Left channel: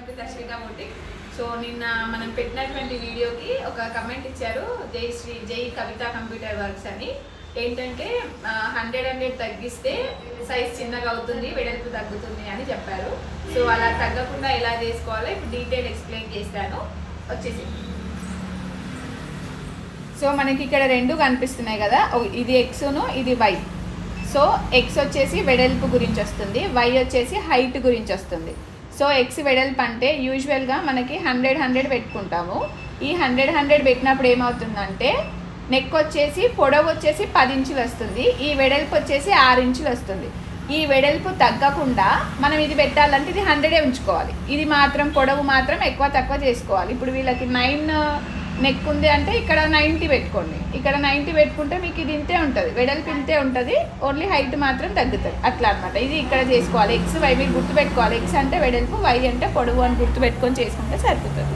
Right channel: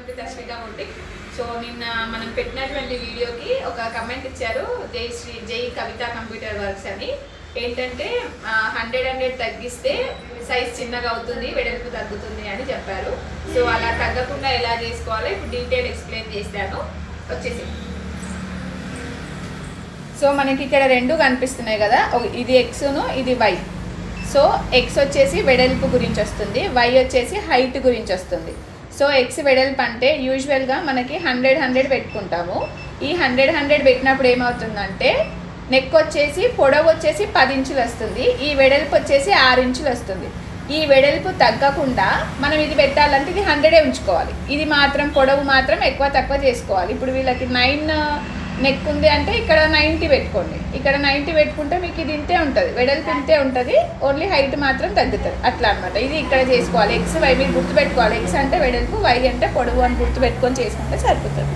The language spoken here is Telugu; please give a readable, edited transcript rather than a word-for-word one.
Welcome to Darshika boutique. So నిన్న మనం పెట్టినటువంటి వీడియోకి ఒక కమెంట్ ఇచ్చారు, జై కవిత కంప్యూటర్ వర్క్స్ అని. ఏంటంటే 100 తగ్గిస్తే సైజ్ చిన్నగా అవుతుంది, వెడల్పు తగ్గుతుంది అని చెప్పారు. సో అలా తగ్గకుండా ఎలా చేసుకోవాలో ఇప్పుడు డీటెయిల్ ఎక్స్ప్లెయిన్ చేశాను. వచ్చేసి సో మనకి ఇక్కడ రెండు కనిపిస్తున్నాయి కదా, ఇది ఎక్స్ను ఇది వై. సో ఎక్స్ వచ్చేసి వెడల్పు గురించి వస్తుంది, వై వచ్చేసి హైట్ గురించి వస్తుంది. సో ఎక్స్ వెడల్పు అంటే యూజువల్గా మనకి 100 పెట్టుకుంటాము. ఈ 100 పెట్టినప్పుడు ఏమవుతుందంటే నెక్ వచ్చేసి పొడవు వచ్చేసి 10 ఇంచులు వస్తుంది, ఈ వెడల్పు వచ్చేసి 6 ఇంచులు వస్తుంది. ఈ వెడల్పు తగ్గకుండా మనం ఇది పెట్టాలంటే ఇది 100 ఉంచుకోవాలి. ఇది మాత్రం పొడవు మాత్రం ఎక్కువ తక్కువ చేసుకోవాలి. ఇప్పుడు వీళ్ళకి 9 నెక్ ఉంది అంటే ఇక్కడ 90 పెట్టుకోండి, ఇక్కడ 90 పెట్టుకుంటే మీకు ఇది ఇంతే ఉంటుంది, వెడల్పు ఇంతే ఉంటుంది, ఓన్లీ హైట్ మాత్రం తగ్గుతుంది. అట్లా అనమాట. ఇది ఇక్కడ చేసుకోవాలి. ఎక్స్ వై మీరు గుర్తుపెట్టుకోవాలి. ఎక్స్ అంటే వెడల్పు, వై అంటే పొడవు అని గుర్తుపెట్టుకొని చేసుకుంటే సరిపోతుంది.